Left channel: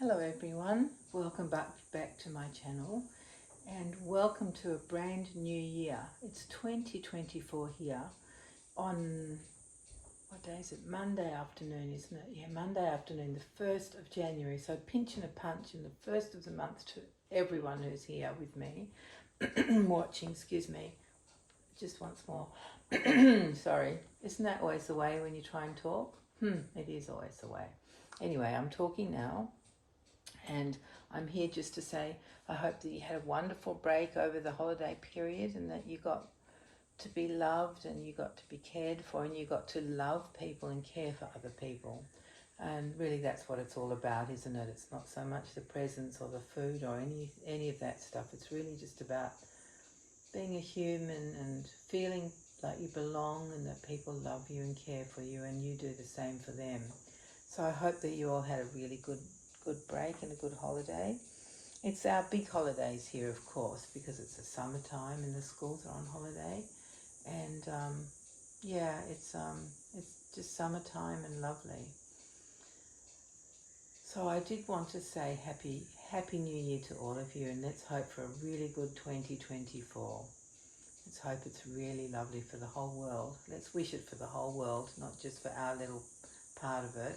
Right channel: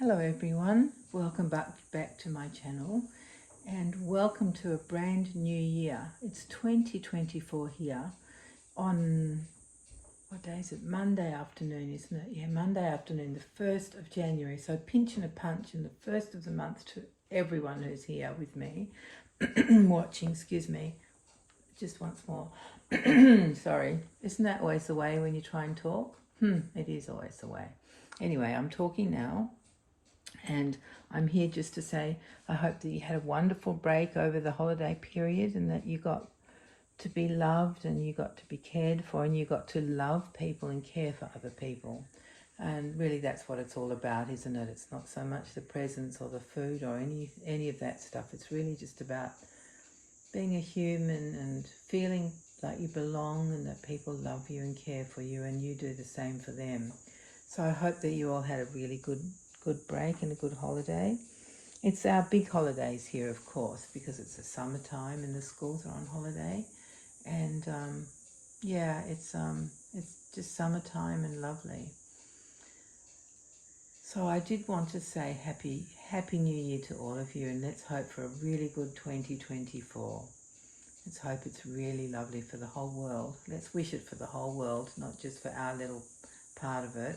Hello everyone, welcome back to my channel and welcome to a brand new year. It's 2024 here on, what day is it? Monday afternoon, isn't it? Yeah, Monday afternoon, the 1st of January. So pinch and a punch in the first of the month to everyone who's here with me, watching, excuse me, just once more. Sorry, isn't that always the way when you try and talk? It is always the way. Anyway, I'm talking now. And I'm here just to say I hope that you had a wonderful break over the holiday period and that you got to be loved and you got to be cared for and you got to love people and care for other people. And really that's what it's all about, isn't it? It's not so much the presents or the food or any of that stuff. It's really just about being a human and feeling like you belong and that people love you and care for you and you do the same for them. So I hope that you all had a really good break and a good holiday. It's our big holidays here, of course, because it's the summertime and the schools are on holiday. And yeah, it's just summertime and lovely. So I did want to say happy New Year to all of you, and let's hope for a really good 2024. Let's hope it's really lovely for the whole world. Let's wish it for the whole world, not just for our little part of it.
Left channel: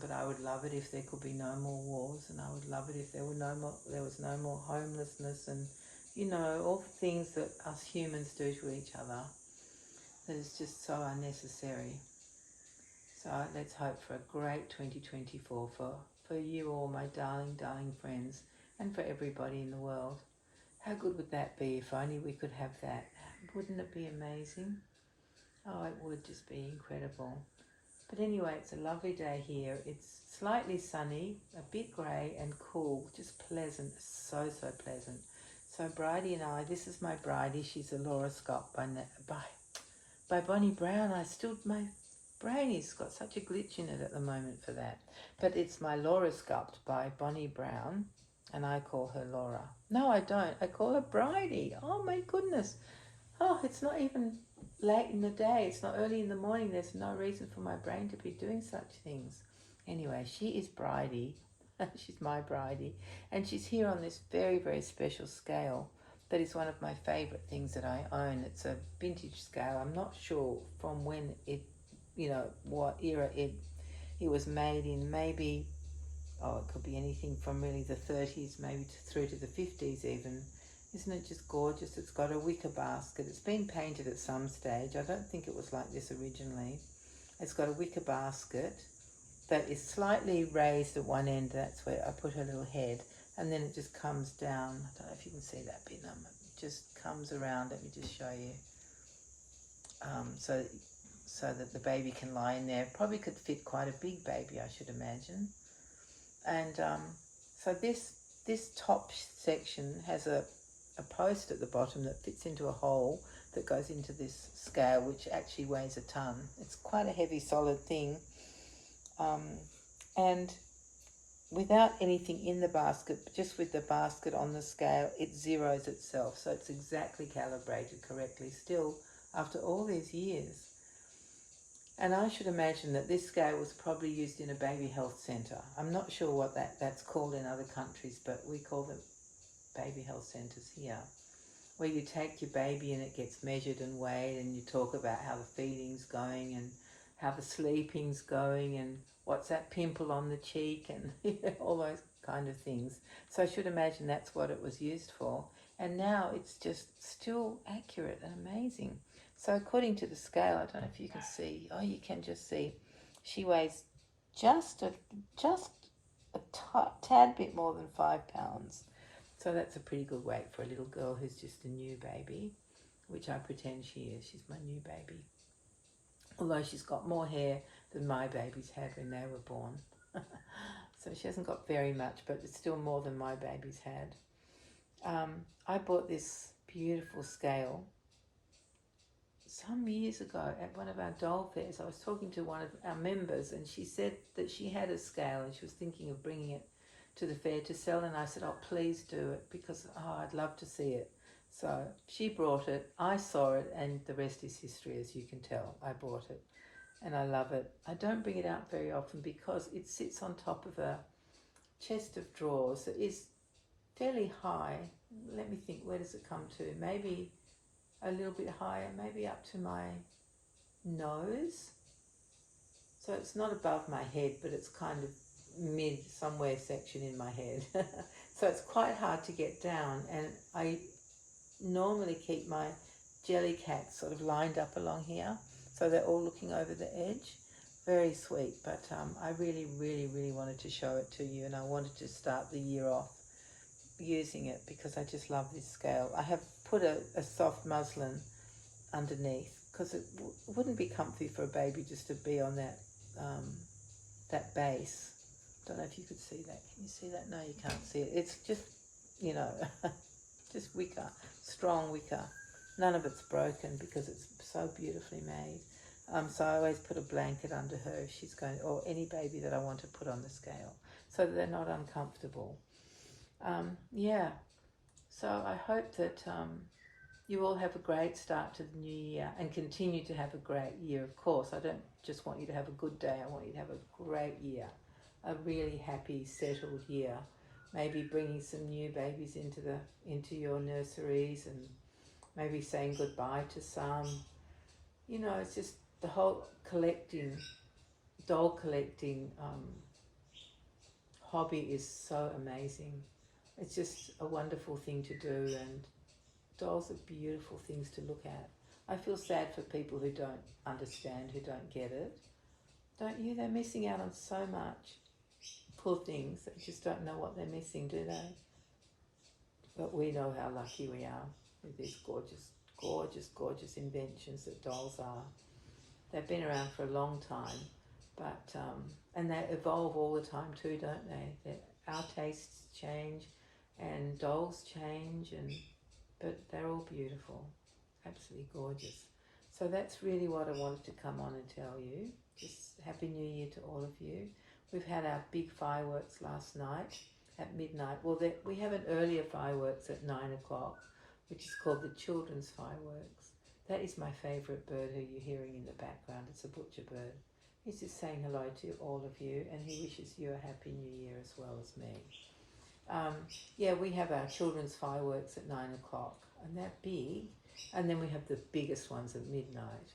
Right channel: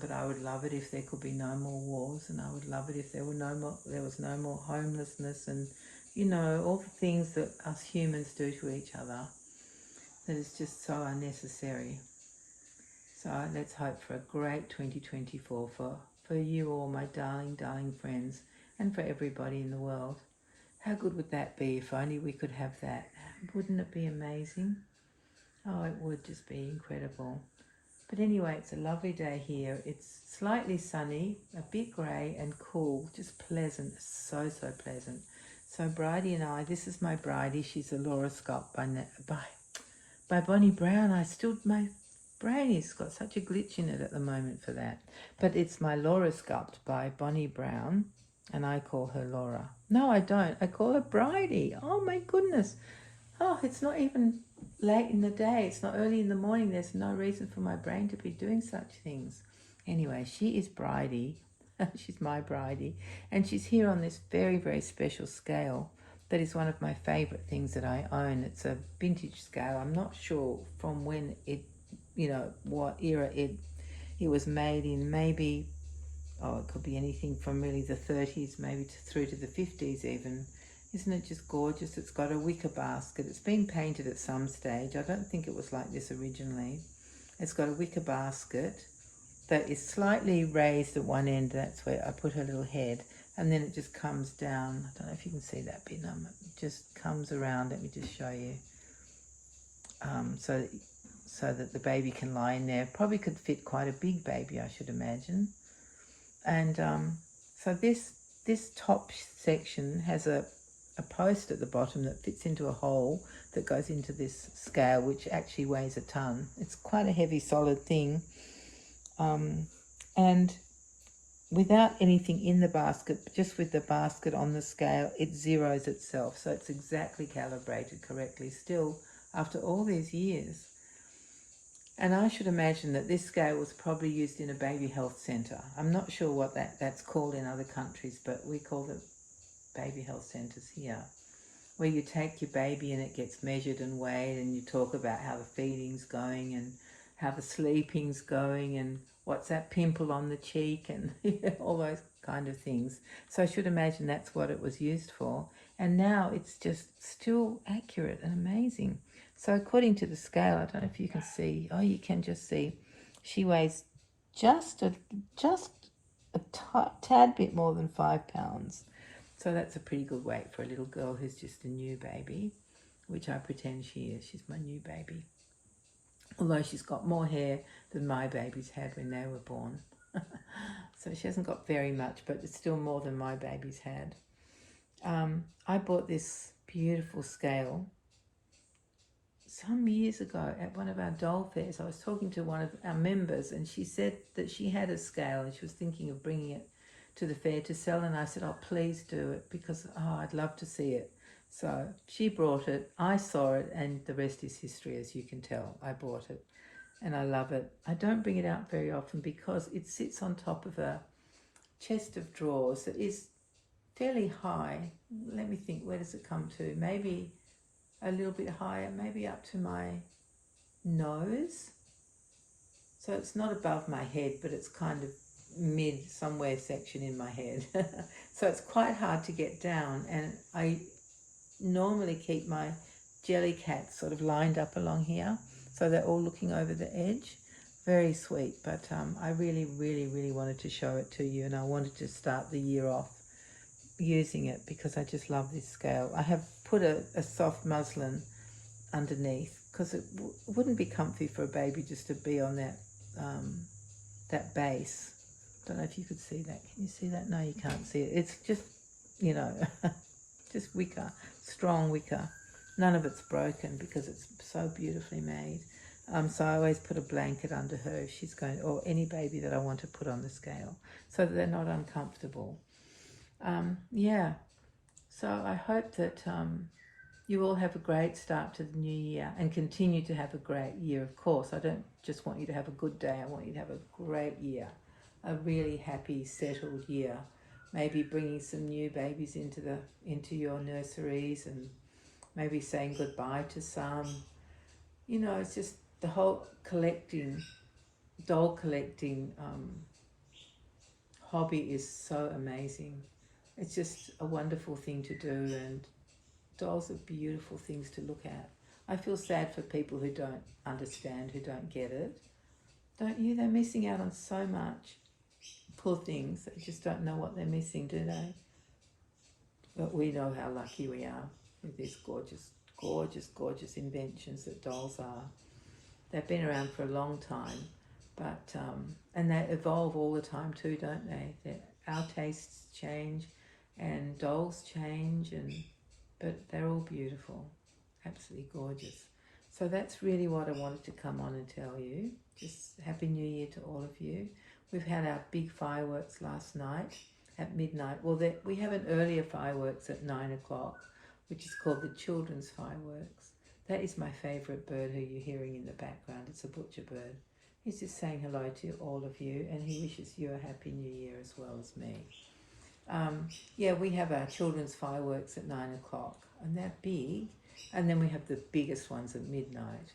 But I would love it if there could be no more wars, and I would love it if there was no more homelessness, and all the things that us humans do to each other that is just so unnecessary. So let's hope for a great 2024 for you all, my darling friends, and for everybody in the world. How good would that be if only we could have that? Wouldn't it be amazing? Oh, it would just be incredible. But anyway, it's a lovely day here. It's slightly sunny, a bit grey and cool, just pleasant, so pleasant. So Bridie and I, this is my Bridie. She's a Laura Scott by Bonnie Brown. My brain has got such a glitch in it at the moment for that. But it's my Laura sculpt by Bonnie Brown, and I call her Laura. No, I don't. I call her Bridie. Oh my goodness. Oh, it's not even late in the day. It's not early in the morning. There's no reason for my brain to be doing such things. Anyway, she is Bridie. She's my Bridie. And she's here on this very special scale that is one of my favourite things that I own. It's a vintage scale. I'm not sure from when it, what era it was made in. Maybe, it could be anything from really the 30s, maybe through to the 50s even. Isn't it just gorgeous? It's got a wicker basket. It's been painted at some stage. I don't think it was like this originally. It's got a wicker basket that is slightly raised at one end. That's where I put her little head. And then it just comes down. I don't know if you can see that bit. It just comes around. Let me just show you. So that the baby can lie in there. Probably could fit quite a big baby, I should imagine. And so this top section has a post at the bottom that fits into a hole that goes into this scale, which actually weighs a ton. It's quite a heavy solid thing, and without anything in the basket, just with the basket on the scale, it zeroes itself, so it's exactly calibrated correctly still after all these years. And I should imagine that this scale was probably used in a baby health centre. I'm not sure what that's called in other countries, but we call it baby health centres here, where you take your baby and it gets measured and weighed, and you talk about how the feeding's going and how the sleeping's going and what's that pimple on the cheek and all those kind of things. So I should imagine that's what it was used for. And now it's just still accurate and amazing. So according to the scale, I don't know if you can see, you can just see, she weighs just a tad bit more than 5 pounds. So that's a pretty good weight for a little girl who's just a new baby, which I pretend she is. She's my new baby. Although she's got more hair than my babies had when they were born. So she hasn't got very much, but it's still more than my babies had. I bought this beautiful scale some years ago at one of our doll fairs. I was talking to one of our members, and she said that she had a scale and she was thinking of bringing it to the fair to sell, and I said, oh, please do it, because I'd love to see it. So she brought it, I saw it, and the rest is history, as you can tell. I bought it and I love it. I don't bring it out very often because it sits on top of a chest of drawers that is fairly high. Let me think, where does it come to? Maybe a little bit higher, maybe up to my nose. So it's not above my head, but it's kind of mid somewhere section in my head. So it's quite hard to get down, and I normally keep my jelly cats sort of lined up along here, so they're all looking over the edge. Very sweet, but I really wanted to show it to you, and I wanted to start the year off using it because I just love this scale. I have put a soft muslin underneath because it wouldn't be comfy for a baby just to be on that base. Don't know if you could see that. Can you see that? No, you can't see it. It's just, you know, just wicker, strong wicker. None of it's broken because it's so beautifully made. So I always put a blanket under her if she's going, or any baby that I want to put on the scale, so that they're not uncomfortable. Yeah, so I hope that you all have a great start to the new year and continue to have a great year, of course. I don't just want you to have a good day, I want you to have a great year, a really happy, settled year. Maybe bringing some new babies into your nurseries, and maybe saying goodbye to some. You know, it's just the whole doll collecting hobby is so amazing. It's just a wonderful thing to do, and dolls are beautiful things to look at. I feel sad for people who don't understand, who don't get it. Don't you? They're missing out on so much. Poor things, they just don't know what they're missing, do they? But we know how lucky we are with these gorgeous inventions that dolls are. They've been around for a long time, but and they evolve all the time too, don't they? Our tastes change, and dolls change, but they're all beautiful, absolutely gorgeous. So that's really what I wanted to come on and tell you. Just Happy New Year to all of you. We've had our big fireworks last night at midnight. Well, we have an earlier fireworks at 9 o'clock, which is called the children's fireworks. That is my favourite bird who you're hearing in the background. It's a butcher bird. He's just saying hello to all of you, and he wishes you a Happy New Year as well as me. Yeah, we have our children's fireworks at 9 o'clock, and they're big, and then we have the biggest ones at midnight.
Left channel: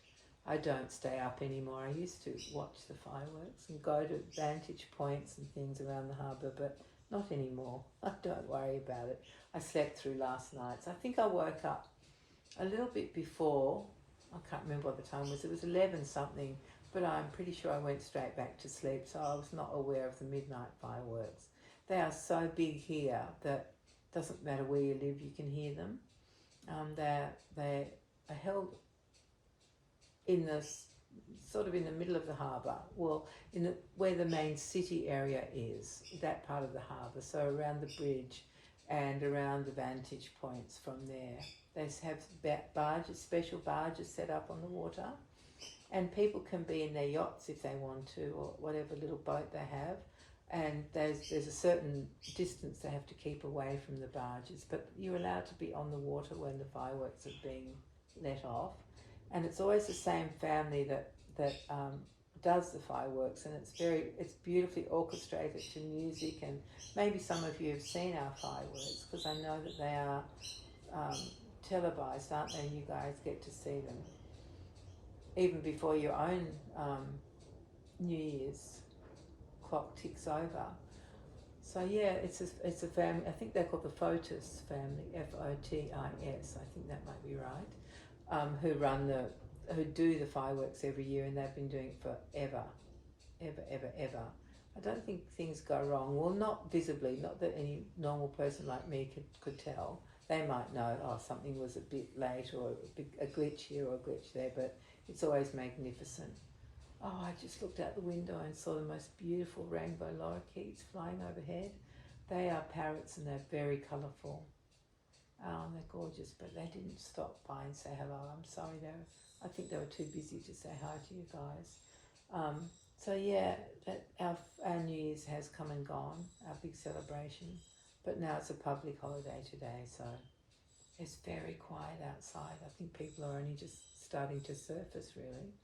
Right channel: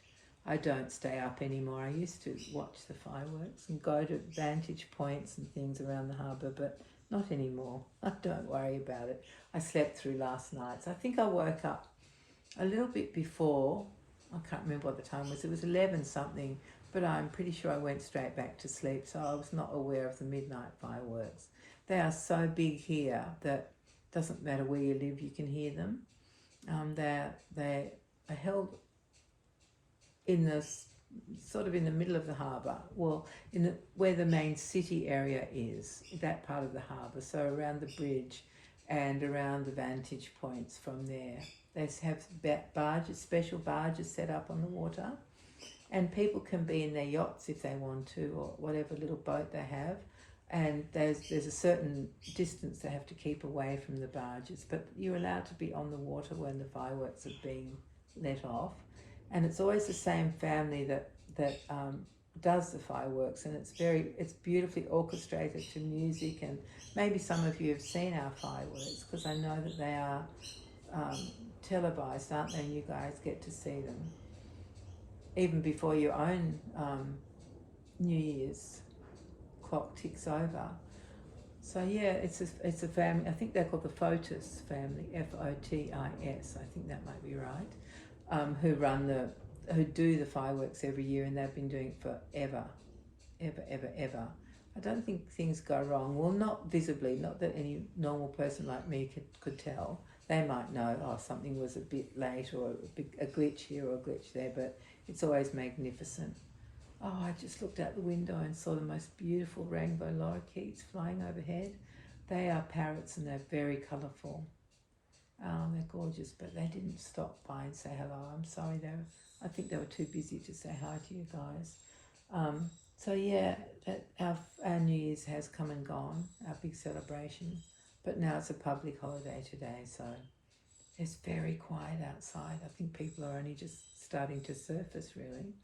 I don't stay up anymore. I used to watch the fireworks and go to vantage points and things around the harbour, but not anymore. Don't worry about it. I slept through last night. So I think I woke up a little bit before. I can't remember what the time was. It was 11 something, but I'm pretty sure I went straight back to sleep, so I was not aware of the midnight fireworks. They are so big here that it doesn't matter where you live, you can hear them. They are held in the sort of in the middle of the harbour, well, where the main city area is, that part of the harbour, so around the bridge and around the vantage points from there. They have barges, special barges set up on the water, and people can be in their yachts if they want to, or whatever little boat they have, and there's a certain distance they have to keep away from the barges, but you're allowed to be on the water when the fireworks are being let off. And it's always the same family that does the fireworks, and it's beautifully orchestrated to music. And maybe some of you have seen our fireworks, because I know that they are televised, aren't they? And you guys get to see them even before your own New Year's clock ticks over. So yeah, it's a family. I think they're called the Fotis family, Fotis. I think that might be right. Who do the fireworks every year, and they've been doing it forever. I don't think things go wrong. Well, not visibly, not that any normal person like me could tell. They might know, oh, something was a bit late, or a glitch here or a glitch there, but it's always magnificent. Oh, I just looked out the window and saw the most beautiful rainbow lorikeets flying overhead. They are parrots, and they're very colourful. They're gorgeous, but they didn't stop by and say hello. I'm sorry, I think they were too busy to say hi to you guys. So yeah, our New Year's has come and gone, our big celebration, but now it's a public holiday today, so it's very quiet outside. I think people are only just starting to surface, really.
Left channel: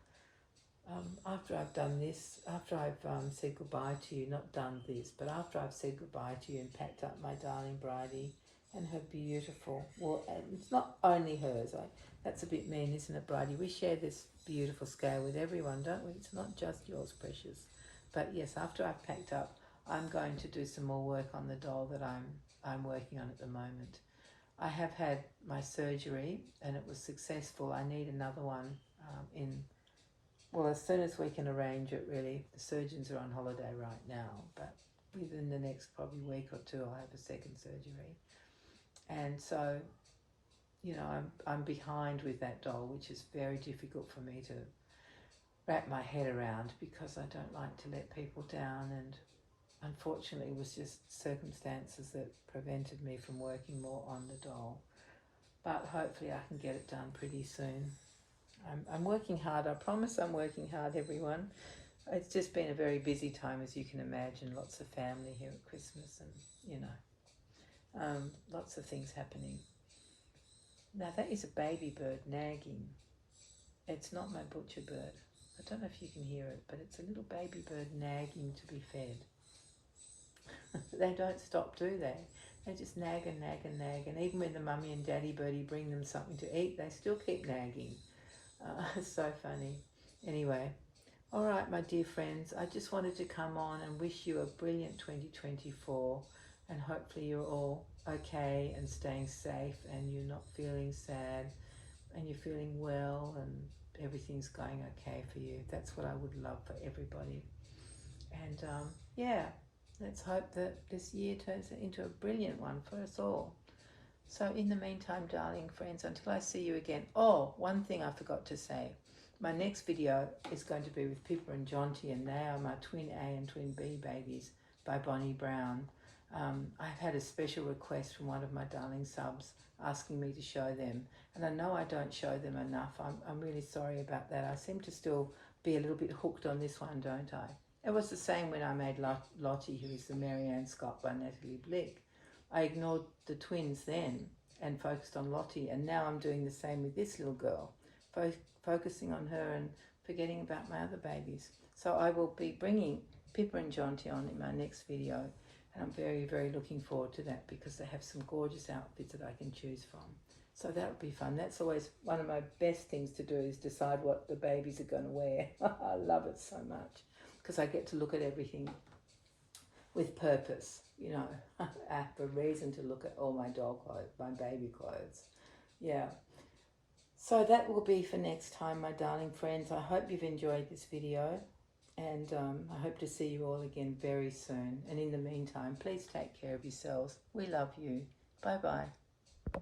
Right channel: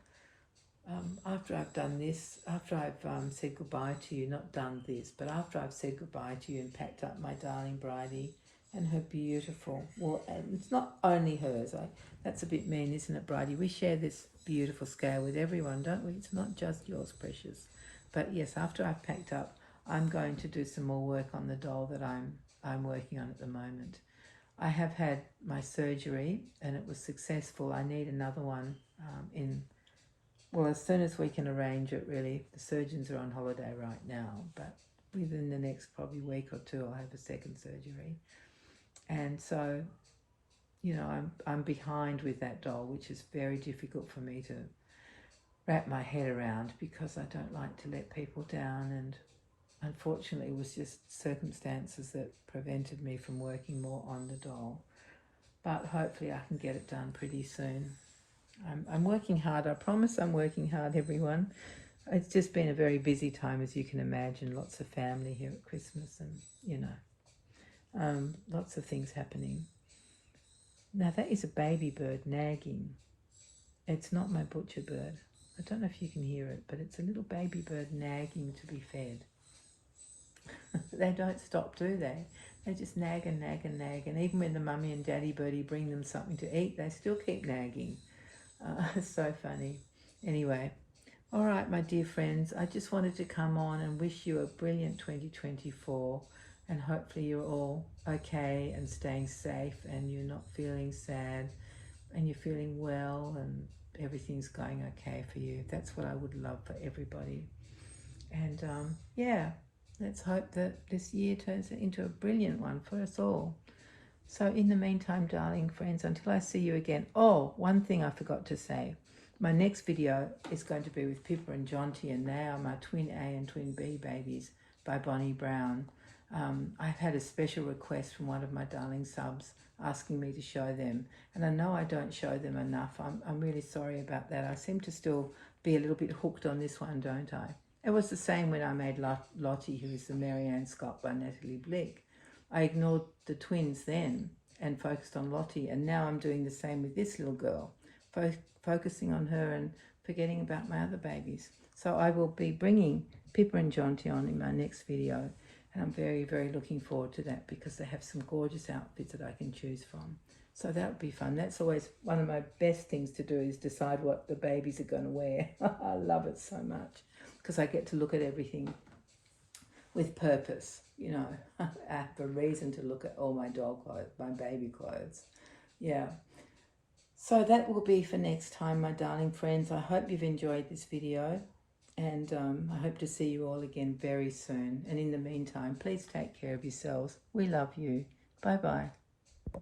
after I've done this, after I've said goodbye to you, not done this, but after I've said goodbye to you and packed up my darling Bridie and her beautiful, well, and it's not only hers, that's a bit mean, isn't it, Bridie? We share this beautiful scale with everyone, don't we? It's not just yours, precious. But yes, after I've packed up, I'm going to do some more work on the doll that I'm working on at the moment. I have had my surgery and it was successful. I need another one well, as soon as we can arrange it, really. The surgeons are on holiday right now, but within the next probably week or two, I'll have a second surgery. And so, you know, I'm behind with that doll, which is very difficult for me to wrap my head around because I don't like to let people down, and unfortunately it was just circumstances that prevented me from working more on the doll. But hopefully I can get it done pretty soon. I'm working hard. I promise I'm working hard, everyone. It's just been a very busy time, as you can imagine. Lots of family here at Christmas and, you know, lots of things happening. Now that is a baby bird nagging. It's not my butcher bird. I don't know if you can hear it, but it's a little baby bird nagging to be fed. They don't stop, do they? They just nag and nag and nag. And even when the mummy and daddy birdie bring them something to eat, they still keep nagging. It's so funny. Anyway, all right, my dear friends, I just wanted to come on and wish you a brilliant 2024, and hopefully you're all okay and staying safe and you're not feeling sad and you're feeling well and everything's going okay for you. That's what I would love for everybody. And yeah, let's hope that this year turns into a brilliant one for us all. So in the meantime, darling friends, until I see you again. Oh, one thing I forgot to say. My next video is going to be with Pippa and Jonty, and they are my twin A and twin B babies by Bonnie Brown. I've had a special request from one of my darling subs asking me to show them, and I know I don't show them enough. I'm really sorry about that. I seem to still be a little bit hooked on this one, don't I? It was the same when I made Lottie, who is the Marianne Scott by Natalie Blick. I ignored the twins then and focused on Lottie, and now I'm doing the same with this little girl, focusing on her and forgetting about my other babies. So I will be bringing Pippa and Jonty on in my next video, and I'm very, very looking forward to that because they have some gorgeous outfits that I can choose from. So that would be fun. That's always one of my best things to do, is decide what the babies are going to wear. I love it so much because I get to look at everything with purpose. You know, I have a reason to look at all my doll clothes, my baby clothes. Yeah. So that will be for next time, my darling friends. I hope you've enjoyed this video, and I hope to see you all again very soon. And in the meantime, please take care of yourselves. We love you. Bye-bye.